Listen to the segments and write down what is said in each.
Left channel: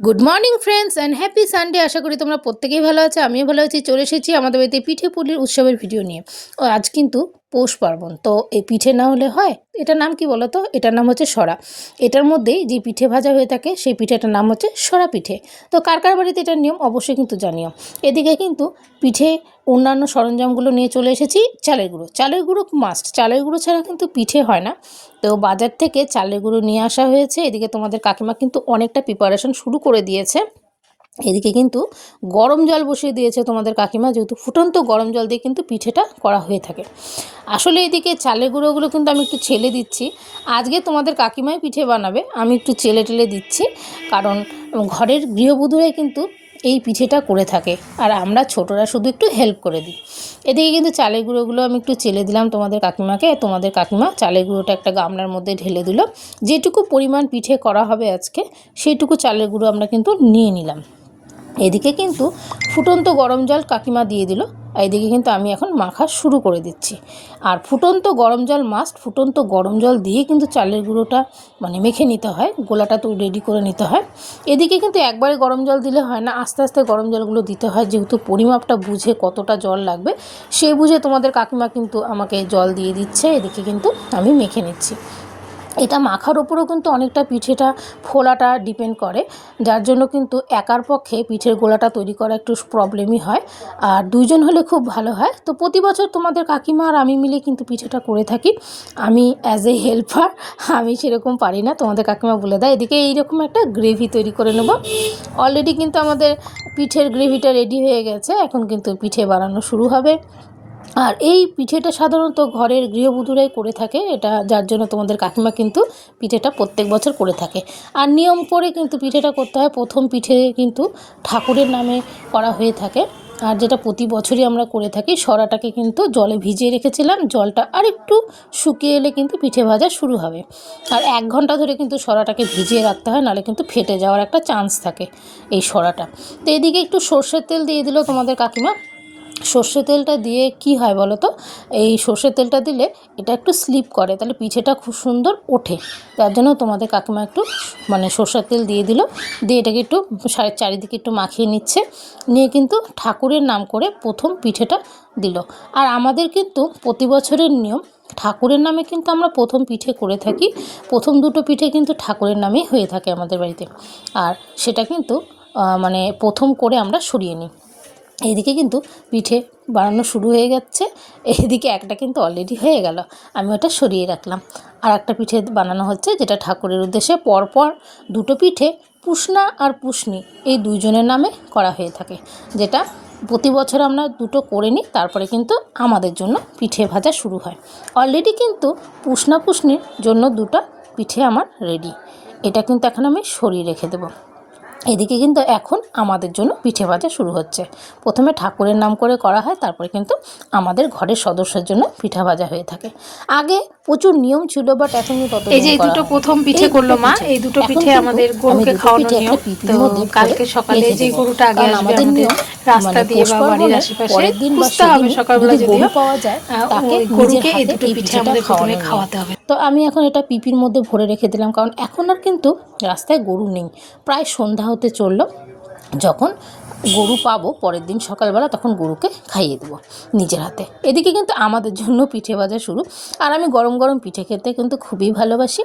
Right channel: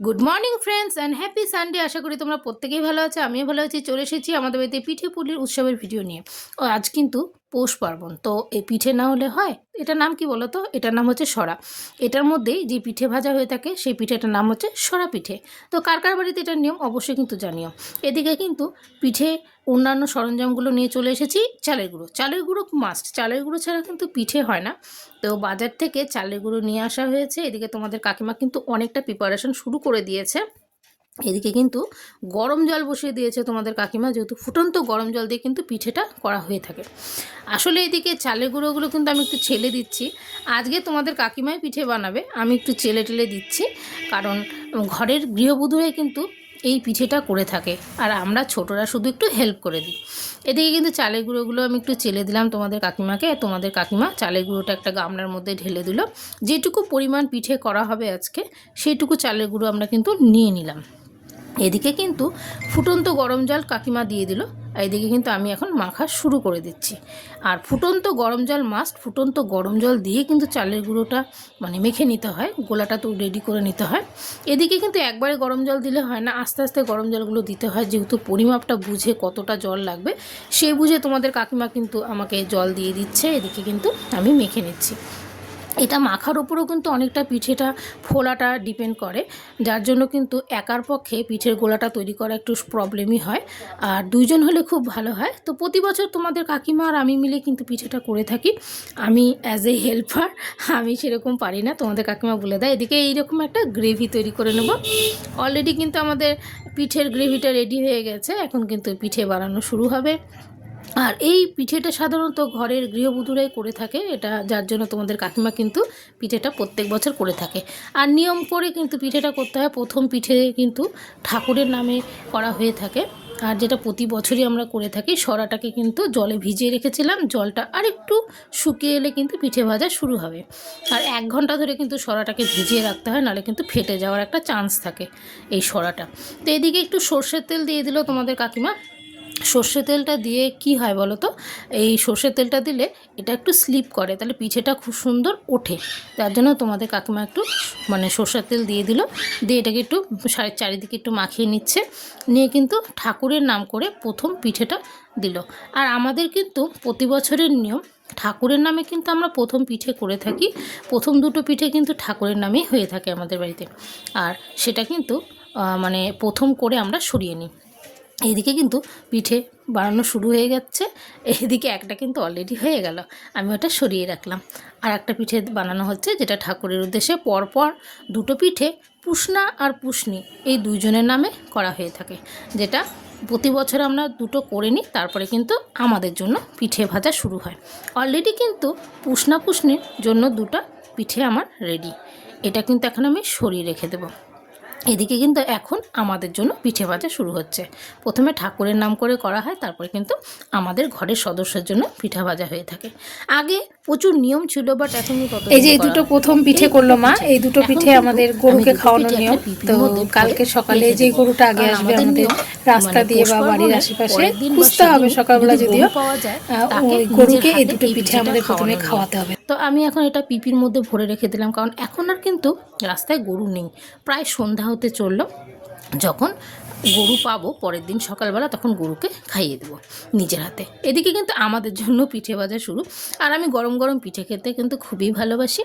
Good morning friends and happy Sunday. আশা করি তোমরা প্রত্যেকেই ভালো আছো, আমিও ভালো আছি। চলে এসেছি আমাদের বাড়িতে পিঠে পুলির উৎসবের ভিডিও নিয়ে। ও আজ কিন্তু পৌষ পার্বণ, তো এই পিঠে না হলে হয়? এটার নাম কি বলো তো? এটার নাম হচ্ছে সরা। এটার মধ্যেই যে পিঠে ভাজা হয়ে থাকে সেই পিঠেটার নাম হচ্ছে সরা পিঠে। তো কার কার বাড়িতে এটার নিয়ম অবশ্যই কিন্তু জানিও। এদিকে কিন্তু পিঠে অন্যান্য সরঞ্জামগুলো নিয়ে চলে এসেছি। চালের গুঁড়ো মাস্ট, চালের গুঁড়ো ছাড়া কিন্তু পিঠে হয় না। তো বাজার থেকে চালের গুঁড়ো নিয়ে আসা হয়েছে। এদিকে তোমাদের কাকিমা কিন্তু অনেকটা প্রিপারেশন শুরু করে দিয়েছে। এদিকে কিন্তু গরম জল বসিয়ে দিয়েছে তোমাদের কাকিমা, যেহেতু ফুটন্ত গরম জল দিয়ে কিন্তু পিঠেটা করা হয়ে থাকে। আসলে এদিকে চালের গুঁড়োগুলো কিন্তু আমি একটু ছেলে দিচ্ছি। আজকে তোমাদের কাকিমাই পিঠে বানাবে, আমি একটু টেলে দিচ্ছি, কারণ ঘরের গৃহবধূরাই কিন্তু এই পিঠেটা করে থাকে, আর আমরা ছোটরা শুধু একটু হেল্প করে দিই। এদিকে কিন্তু চালের গুঁড়োগুলো আমি একটু চেলে দিলাম তোমাদের কাকিমাকে। তোমাদের কাকিমা চালের গুঁড়োটা একটা গামলার মধ্যে ঢেলে দিল। যেটুকু পরিমাণ পিঠে করা হবে আজকে, সেইটুকু চালের গুঁড়ো আমরা কিন্তু নিয়ে নিলাম। এদিকে কিন্তু ফুটন্ত গরম জল কাকিমা দিয়ে দিল, আর এদিকে কিন্তু আমি এখন মাখা শুরু করে দিচ্ছি। আর ফুটন্ত গরম জল মাস্ট, ফুটন্ত গরম জল দিয়ে কিন্তু চালের গুঁড়োটা মেখে নিতে হয়, গোলাটা তো রেডি করে নিতে হয়। এদিকে কিন্তু একবারে গরম জল দিলে হয় না, আস্তে আস্তে গরম জলগুলো দিতে হয়, যেহেতু পরিমাপটা বুঝে কতটা জল লাগবে সেই বুঝে তোমাদের কাকিমা কিন্তু আমাকে জল দিয়ে দিচ্ছে। এদিকে কিন্তু আমি মেখে নিচ্ছি। এটা মাখার ওপরেও কিন্তু অনেকটা পিঠেটা ফোলাটা ডিপেন্ড করে, যার জন্য কিন্তু একার পক্ষে পিঠের গোলাটা তৈরি করা একটু প্রবলেমই হয়, আর দুইজন হলে খুব ভালো হয়। তো প্রতি বছর তোমাদের কাকিমা আর আমি মিলে কিন্তু পিঠেটা করে থাকি। আমি অ্যাজ এ হেল্পার, আমি সেরকম পারি না, তোমাদের কাকিমা বলে দেয়। এদিকে এইরকম একটা গ্রেভি তৈরি করে নেব। অলরেডি কিন্তু আমাদের পিঠের গ্রেভিটা রেডি হয়ে গেছে, এখন কিন্তু পিঠে বানানো শুরু হবে। আর এই পিঠেটা সাধারণত ঘরের গৃহবধূরাই করে থাকে, এটা যার জন্য তোমাদের কাকিমা কিন্তু পিঠেটা প্রত্যেক বছর করে থাকে। আর নিয়ম করে কিন্তু পিঠেটা করতে হয়। প্রথম পিঠে কিন্তু ঠাকুরের নামে করা হয়ে থাকে, আর যেটা প্রতি বছরই আমরা করে থাকি। সরাটাকে কিন্তু জলে ভিজিয়ে রেখেছিলাম, জলটা আরেকটু শুকিয়ে এলে কিন্তু পিঠে ভাজা শুরু হবে। আর 1 ঘন্টা ধরে কিন্তু সরাটাকে ভিজিয়ে রাখতে হয়, নাহলে কিন্তু ফেটে যাওয়ার একটা চান্স থাকে এই সরাটা। তো এদিকে একটু সর্ষের তেল দিয়ে দিল তোমাদের কাকিমা। সর্ষে তেলটা দিয়ে কি হয় বলো তো? এই সর্ষের তেলটা দিলে এটা একটু স্লিপ করে, তাহলে পিঠেটা খুব সুন্দর ওঠে। তার জন্য তোমাদের কাকিমা একটু সর্ষের তেল দিয়ে দিল, দিয়ে এটাকে একটু চারিদিকে একটু মাখিয়ে নিচ্ছে। নিয়ে কিন্তু ঠাকুরের নাম করে প্রথম পিঠেটা দিল। আর আমাদের কিন্তু প্রতি বছরের নিয়ম, ঠাকুরের নামে কিন্তু আমরা প্রথম পিঠে করে থাকি। প্রথম দুটো পিঠে কিন্তু ঠাকুরের নামেই হয়ে থাকে আমাদের বাড়িতে, আর সেটা কিন্তু প্রথম করে আমরা সরিয়ে নিই। এইদিকে কিন্তু পিঠে বানানো শুরু হয়ে যাচ্ছে। এইদিকে একটা কিন্তু অলরেডি হয়ে গেল, আমি ওটা সরিয়ে রাখলাম। আর একটা পিঠে বানানো হচ্ছে, যেটা ঠাকুরের উদ্দেশ্যে। পরপর দুটো পিঠে পুষনা আর পুষনি এই দুইজনের নামে করা হয়ে থাকে, যেটা প্রতি বছর আমরা দুটো করে নিই, তারপরে কিন্তু আমাদের জন্য পিঠে ভাজা শুরু হয়। অলরেডি কিন্তু পুষনা পুষনির জন্য দুটো পিঠে আমার রেডি। এটা কিন্তু এখন আমি সরিয়ে রেখে দেবো। এদিকে কিন্তু এখন আমাদের জন্য পিঠে ভাজা শুরু হচ্ছে। প্রথমে ঠাকুরের নাম করে করা হয়, তারপরে কিন্তু আমাদের ঘরের সদস্যের জন্য পিঠা ভাজা হয়ে থাকে। আগে প্রচুর নিয়ম ছিল, বাট এখন তত এই যে এই দুটো প্রথম পিঠে করলো মা, এই দুটো পিঠে আমাদের গরুকে খাওয়ানোর নিয়ম। তো কালকে সকালে যে গরুটা আগে আসবে আমাদের রাস্তা দিয়ে বা বাড়ির আশেপাশে খুঁজতে হবে সকালবেলা, যদিও ওই গরুকে এই দুটো পিঠে আমাদের প্রথমে খাওয়াতে হবে। তো আমি এখন এটা পিপির মধ্যে ভরে রেখে দিলাম, কারণ এখন আর কিন্তু রাস্তায় গরু নেই। প্রায় সন্ধ্যা হতে চললো। যখন গরু পাবো পরের দিন সকালবেলা, তখন গরুকে খাইয়ে দেবো নিজের হাতে। এদিকে কিন্তু আমাদের জন্য পিঠে ভাজা শুরু। আর আমি গরম গরম পিঠে খেতে কিন্তু খুবই ভালোবাসি।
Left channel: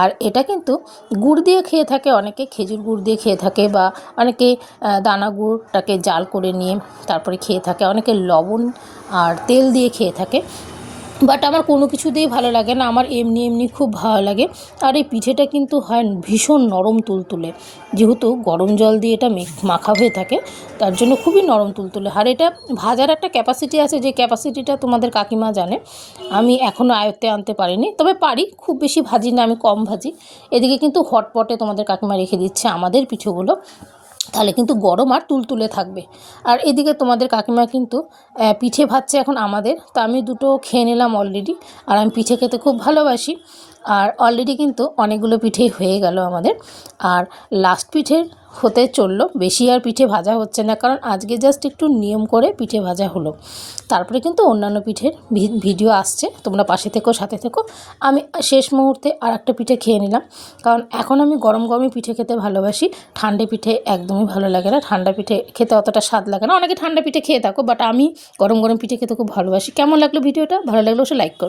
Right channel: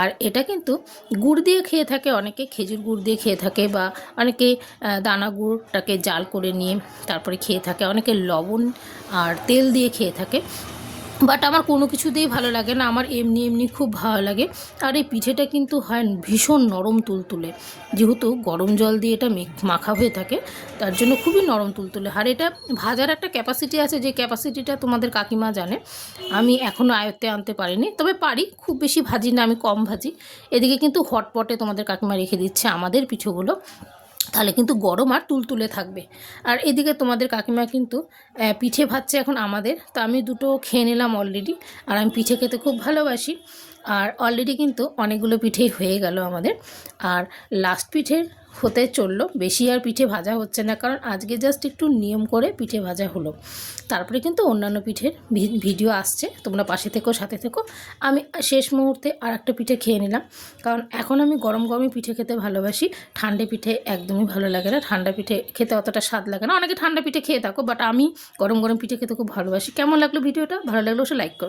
আর এটা কিন্তু গুড় দিয়ে খেয়ে থাকে অনেকে, খেজুর গুড় দিয়ে খেয়ে থাকে, বা অনেকে দানা গুড়টাকে জাল করে নিয়ে তারপরে খেয়ে থাকে, অনেকে লবণ আর তেল দিয়ে খেয়ে থাকে। বাট আমার কোনো কিছু দিয়ে ভালো লাগে না, আমার এমনি এমনি খুব ভালো লাগে। আর এই পিঠেটা কিন্তু হয় ভীষণ নরম তুলতুলে, যেহেতু গরম জল দিয়ে এটা মাখা হয়ে থাকে, তার জন্য খুবই নরম তুলতুলে। আর এটা ভাজার একটা ক্যাপাসিটি আছে, যে ক্যাপাসিটিটা তোমাদের কাকিমা জানে, আমি এখনও আয়ত্তে আনতে পারিনি, তবে পারি। খুব বেশি ভাজি না, আমি কম ভাজি। এদিকে কিন্তু হটপটে তোমাদের কাকিমা রেখে দিচ্ছে আমাদের পিঠেগুলো, তাহলে কিন্তু গরম আর তুলতুলে থাকবে। আর এদিকে তোমাদের কাকিমা কিন্তু পিঠে ভাজছে এখন আমাদের। তো আমি দুটো খেয়ে নিলাম অলরেডি, আর আমি পিঠে খেতে খুব ভালোবাসি। আর অলরেডি কিন্তু অনেকগুলো পিঠেই হয়ে গেল আমাদের। আর লাস্ট পিঠের হতে চললো, বেশি আর পিঠে ভাজা হচ্ছে না, কারণ আজকে জাস্ট একটু নিয়ম করে পিঠে ভাজা হলো। তারপরে কিন্তু অন্যান্য পিঠের ভিডিও আসছে, তোমরা পাশে থেকো, সাথে থেকো। আমি শেষ মুহূর্তে আর একটা পিঠে খেয়ে নিলাম, কারণ এখন আমি গরম গরমই পিঠে খেতে ভালোবাসি। ঠান্ডা পিঠে একদমই ভালো লাগে না, ঠান্ডা পিঠে খেতে অতটা স্বাদ লাগে না। অনেকে ঠান্ডা পিঠে খেয়ে থাকো, বাট আমি গরম গরম পিঠে খেতে খুব ভালোবাসি। কেমন লাগলো ভিডিওটা? ভালো লাগলো অবশ্যই লাইক করো।